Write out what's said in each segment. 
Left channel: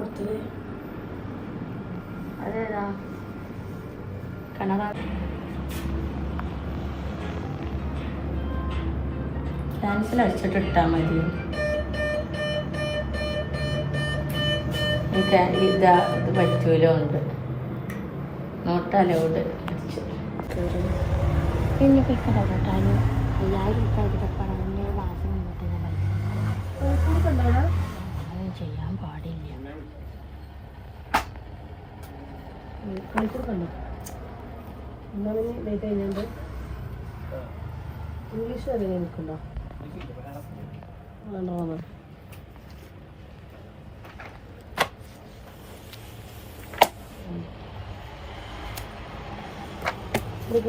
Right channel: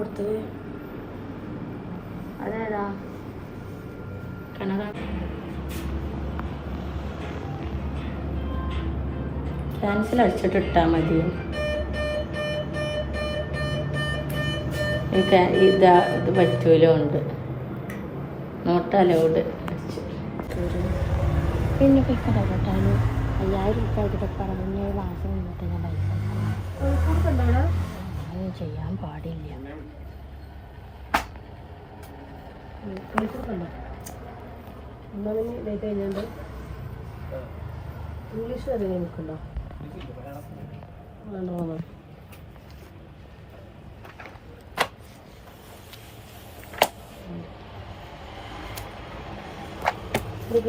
കൊടുത്തത്? അതേതാ? കണറാ ക്യാൻസൽ അടിച്ചിട്ട് ഇട്ടാൽ മതി ഈ ക്യാ- ഇതാ ഇത് പഠിച്ചതിലും ഉണ്ട് നോട്ടാലോട് അടിച്ചു. പിന്നെ പിക്കണല്ലോ എല്ലാവരും ഇപ്പോൾ ഇതിൽ പറഞ്ഞ മാസം മുന്നോട്ട് ഞാൻ പൈസ ചെയ്യാൻ പാടില്ല. ഇംഗ്ലീഷ് അറിയാൻ എനിക്കുണ്ടോ വേണ്ട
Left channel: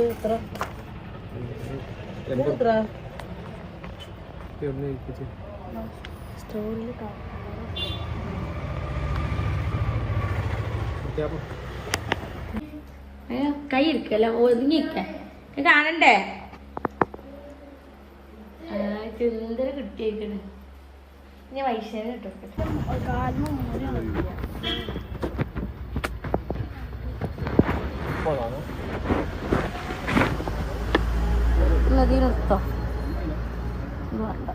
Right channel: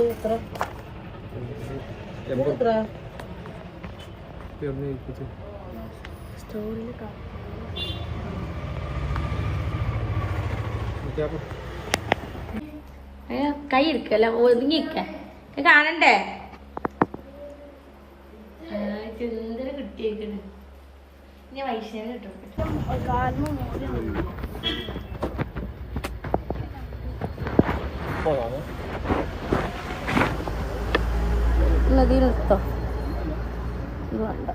എത്ര എത്ര സ്റ്റോറിൽ കൈ എടുക്കല്ല ഒതുങ്ങിക്ക കാണണ്ടേ? ചുന്തര കിട്ടിയേക്കണ്. ഞാൻ വൈശാഖ കിട്ടും ഇത് നിർത്തോ ഇത് വേണ്ട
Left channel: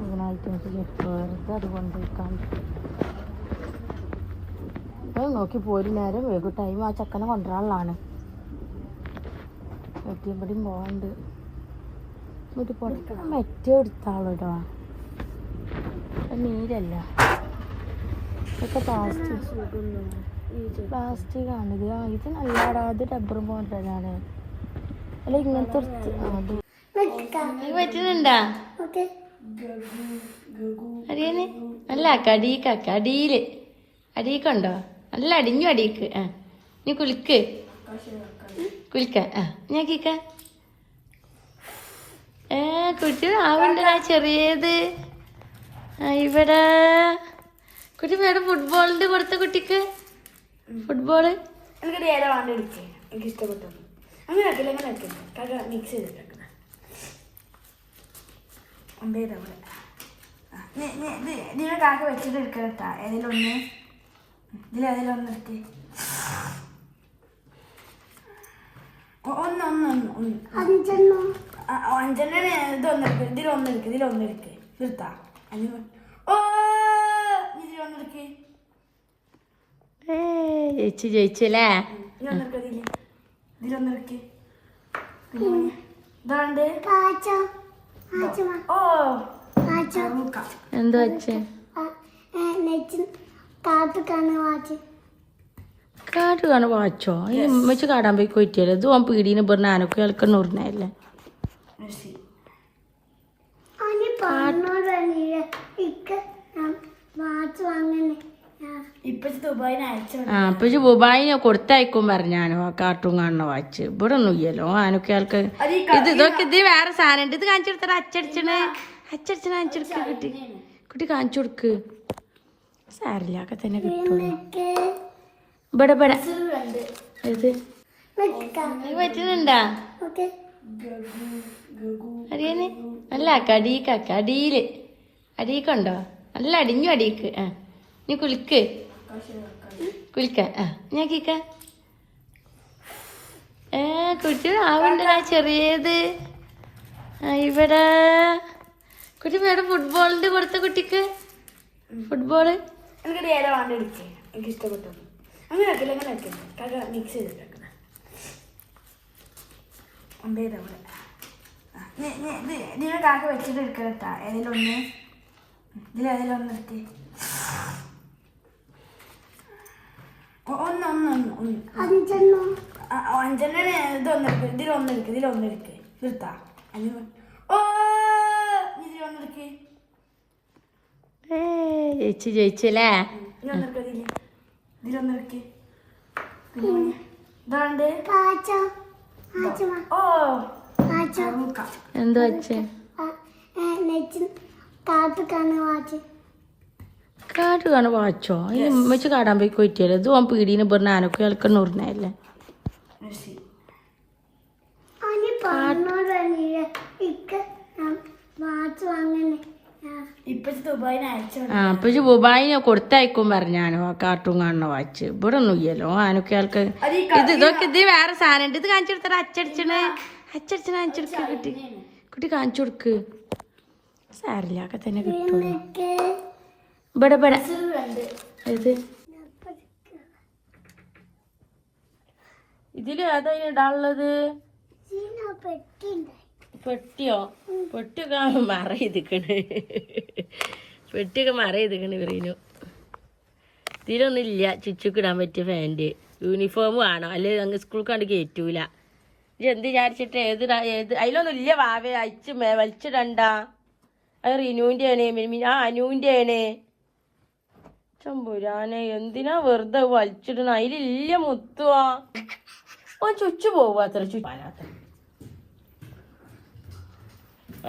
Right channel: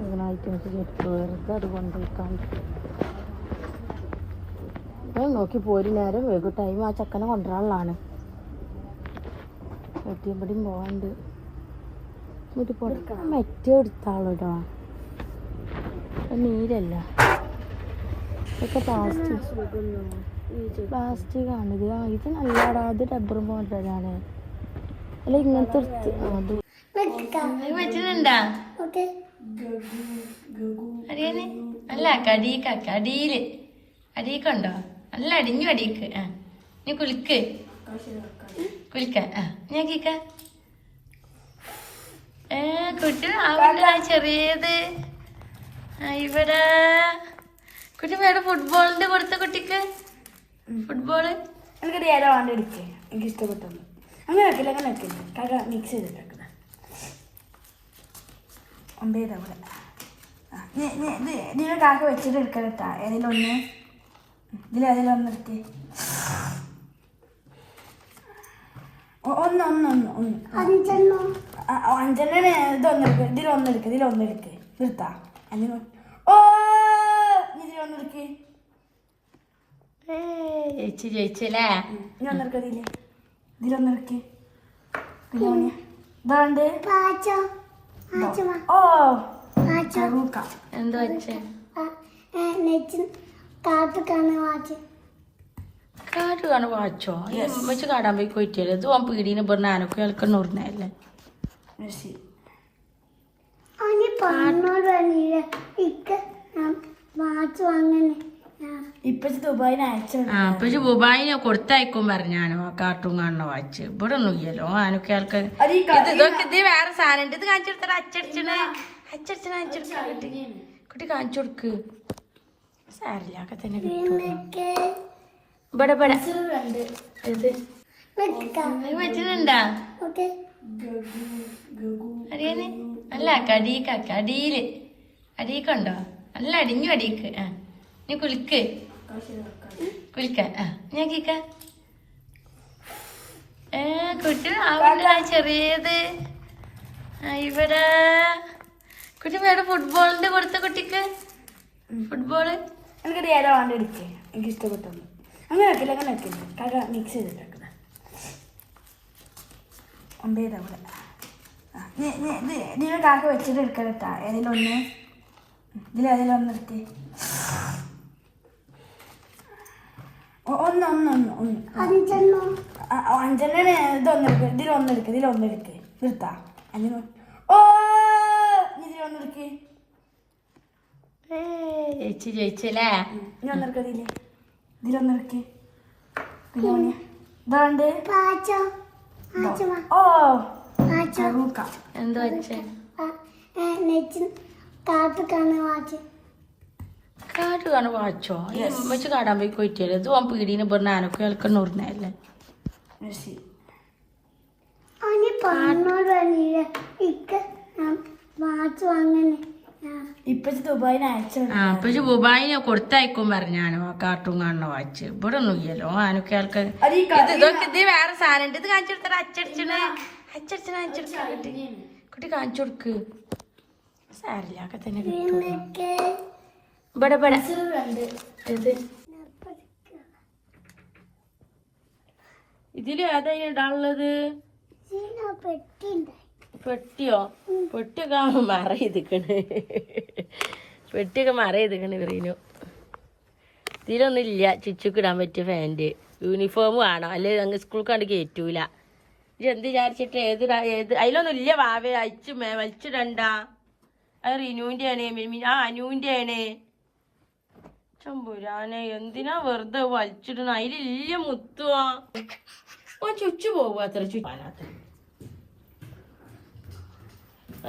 ഇതിനായിട്ട് എനിക്ക് വെറുതെ കൊണ്ടുപോയിക്കാൻ ഞാൻ നോക്കി പോരി നേരം വൈകും ടൈം ആ ചക്കനെ കൊണ്ടുവരാനുള്ളതാണ്. എത്തിയപ്പടിയും പോകണ്ട് എന്നിട്ട് പൊടിക്കണം മറ്റേ എടുത്താളിടാ നീരല്ല? ഇതൊക്കെ പ്ലാസ്റ്റിക് പ്ലാസ്റ്റിക് ആ, ഇത് നല്ലതാ ഇത് റബ്ബറും പോലതാണ് അല്ല ഇങ്ങനത്തെ ആ, അത് അറിയണേ അല്ല കടീക്കാക്ക അടിയിൽ അടീക്കുണ്ടോ? നല്ല അടിഞ്ഞു അടിയിക്ക് ആ നീ കുളിക്ക്. കുളിക്ക ആ ഞാൻ കേക്ക ഏ കുട്ടി ആവില്ല ചെറിയത്. ഇവിടെ. കുട്ടി വേറെ ഫുട്ബോളിന്റെ കൊടുത്ത കുട്ടിക്ക്? ഫുട്ബോൾ എനിക്കത് ഏതോ ആണ്ട് എടുക്കുക എനിക്ക് ഇഷ്ടപ്പെട്ടു അങ്ങനെ അങ്ങനെ മിക്സ് ചെയ്തിട്ടുണ്ട് ഒമ്പേതാ ഇവിടെ നിങ്ങൾ കാക്ക വെച്ചിട്ട് എടുക്കണം കേട്ടാ ഏതെങ്കിലും ഒന്ന്. ഇതിൽ ഏതെങ്കിലും ഒന്ന് എടുത്ത് ഒന്ന് ഒന്ന് ഒന്ന് അഞ്ചെണ്ണ? ഇതൊന്ന് എടുക്ക്. ഇതിലൊന്ന് എടുക്ക് ഇതിലൊന്ന് എടുക്ക്. നിർത്താ. അങ്ങനെ ഓ ജയിച്ചു ജയിച്ചല്ലേ? ഇതിലൊന്നെടുക്ക് ഇതിൽ. ഇതിലൊന്ന് എടുക്ക്. ഇതിലൊന്ന് ഇതാണ്ട് ഓ എന്ത് വെച്ചേ? കാട് കാണാൻ വാച്ചോ. വെച്ച്? കാടാൻ പോയി കൊറ്റിയല്ലേ? ഇത് ഓൻ പീടീന് പറഞ്ഞ ആനക്ക് കേൾക്കുന്ന ഉരുന്നല്ലേ പറഞ്ഞോളൂ ദുബായിന് അയച്ചു ആ അപ്പൊ ദുബായി ഞാൻ കൊടുത്തയക്കും പറഞ്ഞാണ് കാർട്ടൂൺ കാണണ വാച്ച്. ഇവിടെ ഒന്നും ഇല്ലല്ലോ ആനൊക്കെ ആൾക്ക്. ഇത് ഇതൊക്കെ ഇത് വേറെ സാധനം. ഇത് കാണിച്ചു കൊടുത്തരാ അച്ചടിച്ചണേ അച്ചടിച്ചണ കാണിച്ചു കൊടുക്ക കുട്ടി. കുട്ടി കാണിച്ചു കൊടുക്ക്. സാരില്ല ഒക്കെ തന്നെ ഇവിടെ അറിയണേ അല്ല കടീക്ക കടിയിൽ അടീക്കുണ്ടോ നല്ല അടിഞ്ഞു അടീക്ക്. ആ. നീ കുളിക്കേ. കുളിക്ക. ആ ഞാൻ കേക്ക ഏ കുട്ടി ആവില്ല ചെറിയത്. ഇവിടെ. കുട്ടി വേറെ ഫുട്ബോളിന്റെ കൊടുത്ത കുട്ടിക്ക്? ഫുട്ബോൾ എനിക്കത് ഏതോ ആണ്ട് എടുക്കുക എനിക്ക് ഇഷ്ടപ്പെട്ടു. അങ്ങനെ ആക്കില്ല അങ്ങനെ ആക്കില്ല കാക്ക മിക്സ് ചെയ്തിട്ടുണ്ട് ഒമ്പേതാ ഇവിടെ നിങ്ങൾ കാക്ക വെച്ചിട്ട് എടുക്കണം കേട്ടാ ഏതെങ്കിലും ഒന്ന്. ഇതിലേതെങ്കിലും ഒന്ന് ഒ- ഒന്ന് ഒന്ന് ഒന്ന് ആ, അഞ്ചെണ്ണ ഇതൊന്ന് ഇതിൽ ഇതിലൊന്ന് ഇതിൽ ഇതിലൊന്ന് എടുക്ക് നിർത്താ അങ്ങനെ ഓ ജയിച്ചു ജയിച്ചല്ലേ ഇതിലൊന്നെടുക്ക് ഇതിൽ. ഇതിലൊന്ന് എടുക്ക് ഇതിലൊന്ന് ഇതാണ്ട്. ഓ. എന്ത് വെച്ചേ? കാട് കാണാൻ വാച്ചോ? ഉമ്മച്ച് കാടാൻ പോയി കൊറ്റിയല്ലേ ഇത് ഓൻ പീടീന് പറഞ്ഞ ആനക്ക് കേൾക്കുന്ന ആ. അപ്പൊ ദുബായിനെ കൊടുത്തയക്കും പറഞ്ഞാണ് കാർട്ടൂൺ കാണുന്ന വാച്ച്. ഇവിടെ ഒന്നും ഇല്ലല്ലോ. ആനൊക്കെ ഇത് ഇതൊക്കെ ഇത് വേറെ സാധനം ഉണ്ട്. ഇത് കാണിച്ചു കൊടുത്തത് അച്ചടിച്ചണേ അച്ചടിച്ചണ അച്ചടിച്ച കുട്ടി. കുട്ടി കാണിച്ചു കൊടുക്ക്. സാരില്ല തന്നെ കിട്ടും. ഇവിടെ ഇതിലും ഏതാ ഇനി ഇടാനുള്ളത്? പെട്ടിയോ? പെട്ടിയൊക്കെ മറ ചെയ്തിക്കണ് പെട്ടിയൊക്കെ മറ ചെയ്തിക്കണ് റീനു. ഇതിലൊന്നും ഇല്ല ചുച്ചുക്ക് ഇടാൻ പറ്റിയ ഫാന്റ് യൂണിഫോം വേണം. അല്ലെങ്കിൽ അങ്ങ് സ്കൂൾ കണ്ട് കയറ്റൂല ഇത് എന്ത് വിചാരിച്ചിട്ട് ഏത് ഏത്? അതിലൊന്നും ഇല്ല വാവേ. അയച്ചു മേ വലിച്ചിടണ്ട. അത് റിനുവിന്റെ ആണ് മിമി ആ അനുവിന്റെ ആണ് ചമ്പുരാനെ എന്തിനാ വെറുതെ വലിച്ചിടണ അതിലില്ല മുത്തുവാ. ഓ ചുച്ചു പോവാത്ര ചുച്ചു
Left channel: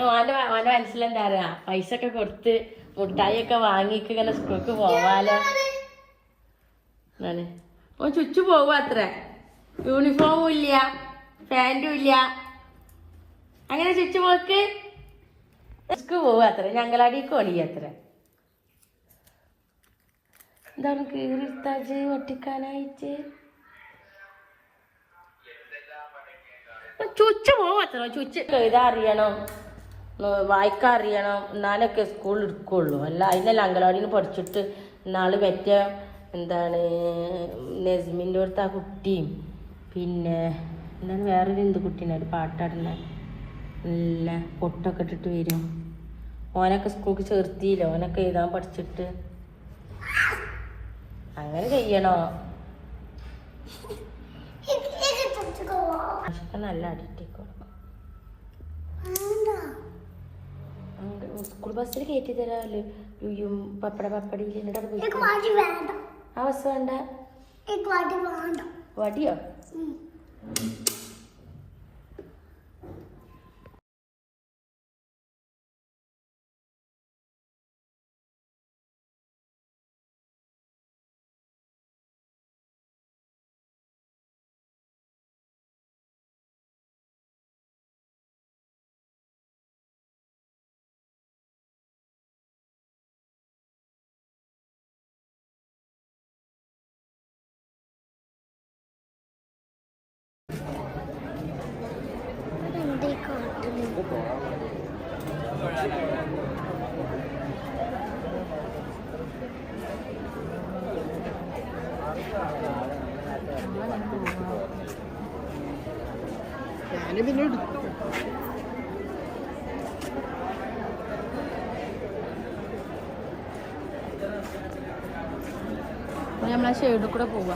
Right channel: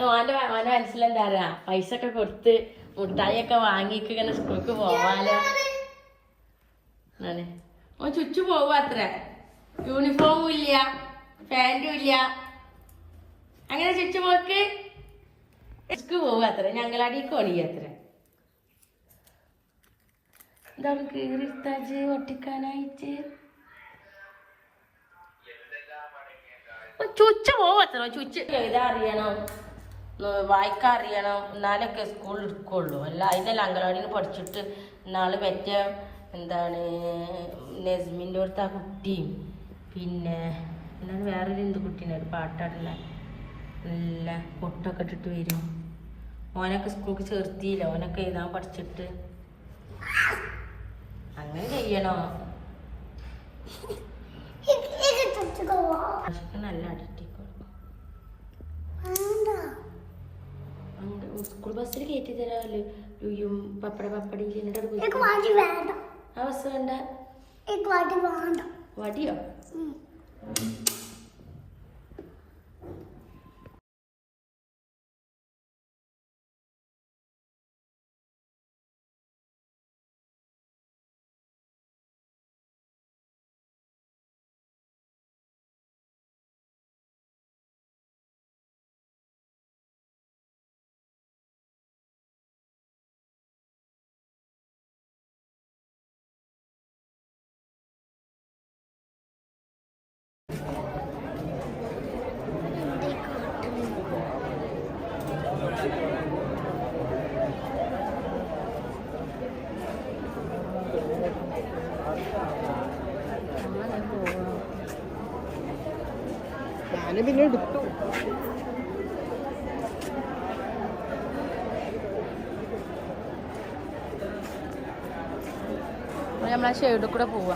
ഓന്റെ ഓന്റെ മനസ്സിലെന്താ അറിയാ? പൈസ ഒക്കെ കൊടുത്ത് മുട്ടായി ഒക്കെ വാങ്ങിക്ക് ഇങ്ങനെ സ്കൂൾക്ക് പോവാലോ? ഓ ചുച്ചു പോവാത്ര യൂണിഫോമും ഇല്ല പാന്റും ഇല്ല. അങ്ങനെ ചുച്ചു പോക്ക്. സ്കൂൾ പോവുക അത്ര. ഞങ്ങളടിക്ക് ഒളിയ എന്താണ് കീറിത്താജ് ഒട്ടിക്കാനായിട്ട് ചുച്ച ഉം, വായിക്കാൻ അറിയണം എന്നാലൊക്കെ സ്കൂൾ എടുക്കുള്ളൂ അല്ല അതിനല്ല അംഗനവാടിയിൽ പഠിച്ചിട്ട് നാൾ പറ്റ എന്താണ് നസ്മിന്റെ അടുത്ത് ആ കുട്ടിയും പിന്നെ എന്താണ് വേറൊരു എന്ത് കുട്ടീനെ ഒരു പാട്ടാടില്ല നല്ല പൊട്ടൊക്കെ ഇട്ടിട്ട് വരും. ഓനൊക്കെ സ്കൂൾക്ക് ചേർത്തിയില്ല? ഓനൊക്കെ എഴുതാൻ പഠിച്ചിട്ട്. അങ്ങനെ ചെയ്യണോ? നല്ല അടിട്ടിക്കും സ്കൂൾ ബസ്സിൽ കയറ്റി തരാമല്ലോ. പപ്പട പപ്പടി എന്നിട്ട് പോയി ആ ബസ് വേണ്ട. വടിയോ നമ്മളാ ഷെയ്ഡിൽ കൂടെ പോവാ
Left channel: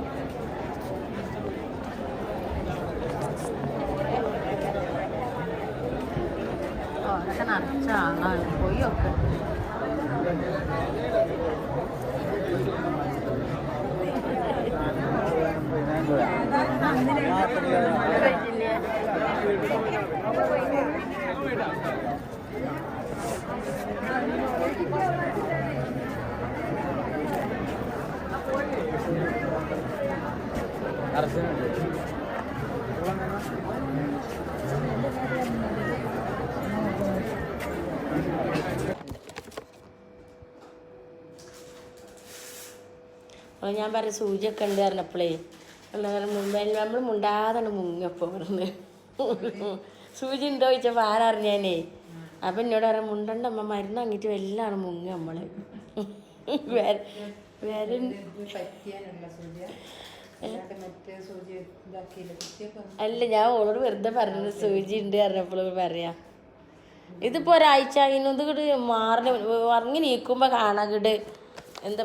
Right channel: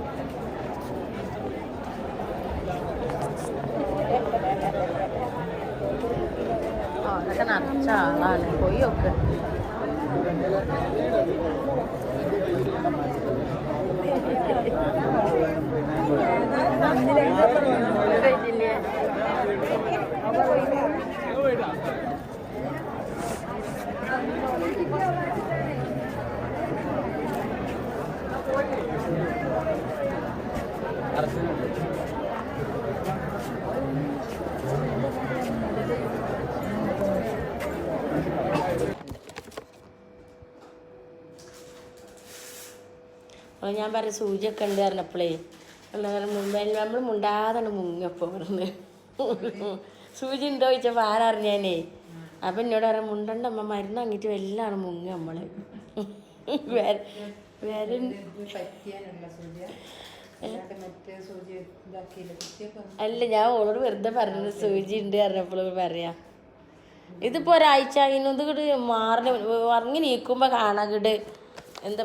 ఖనాల్ చాలా పోయి ఒక അപ്പോൾ ഞാൻ പറഞ്ഞ സൂചിയൊക്കെ ഉണ്ട് പറഞ്ഞപ്പോഴേ നമ്മൾ മുണ്ടാതാണ് മുങ്ങപ്പോൾ പറഞ്ഞ് സൂചി ഉണ്ടോ ചോദിച്ചപ്പോൾ ആരറിഞ്ഞാനേ അപ്പം എന്നോട് പറയാം മുണ്ടണ്ട അമ്മ മരുന്ന് അങ്ങിട്ട് എല്ലാം മുങ്ങ നമ്മൾ വേറെ വേറെ അല്ല ഞാൻ ഓളോട് വെറുതെ പറഞ്ഞത് സൂചി ഉണ്ട് പറഞ്ഞപ്പോൾ പറയാം. ഇതിപ്പോ ഒരാഴ്ച ഇത് കൂടി മാറിന് ഉറങ്ങി നീക്കുമ്പോ കാണാൻ എന്താ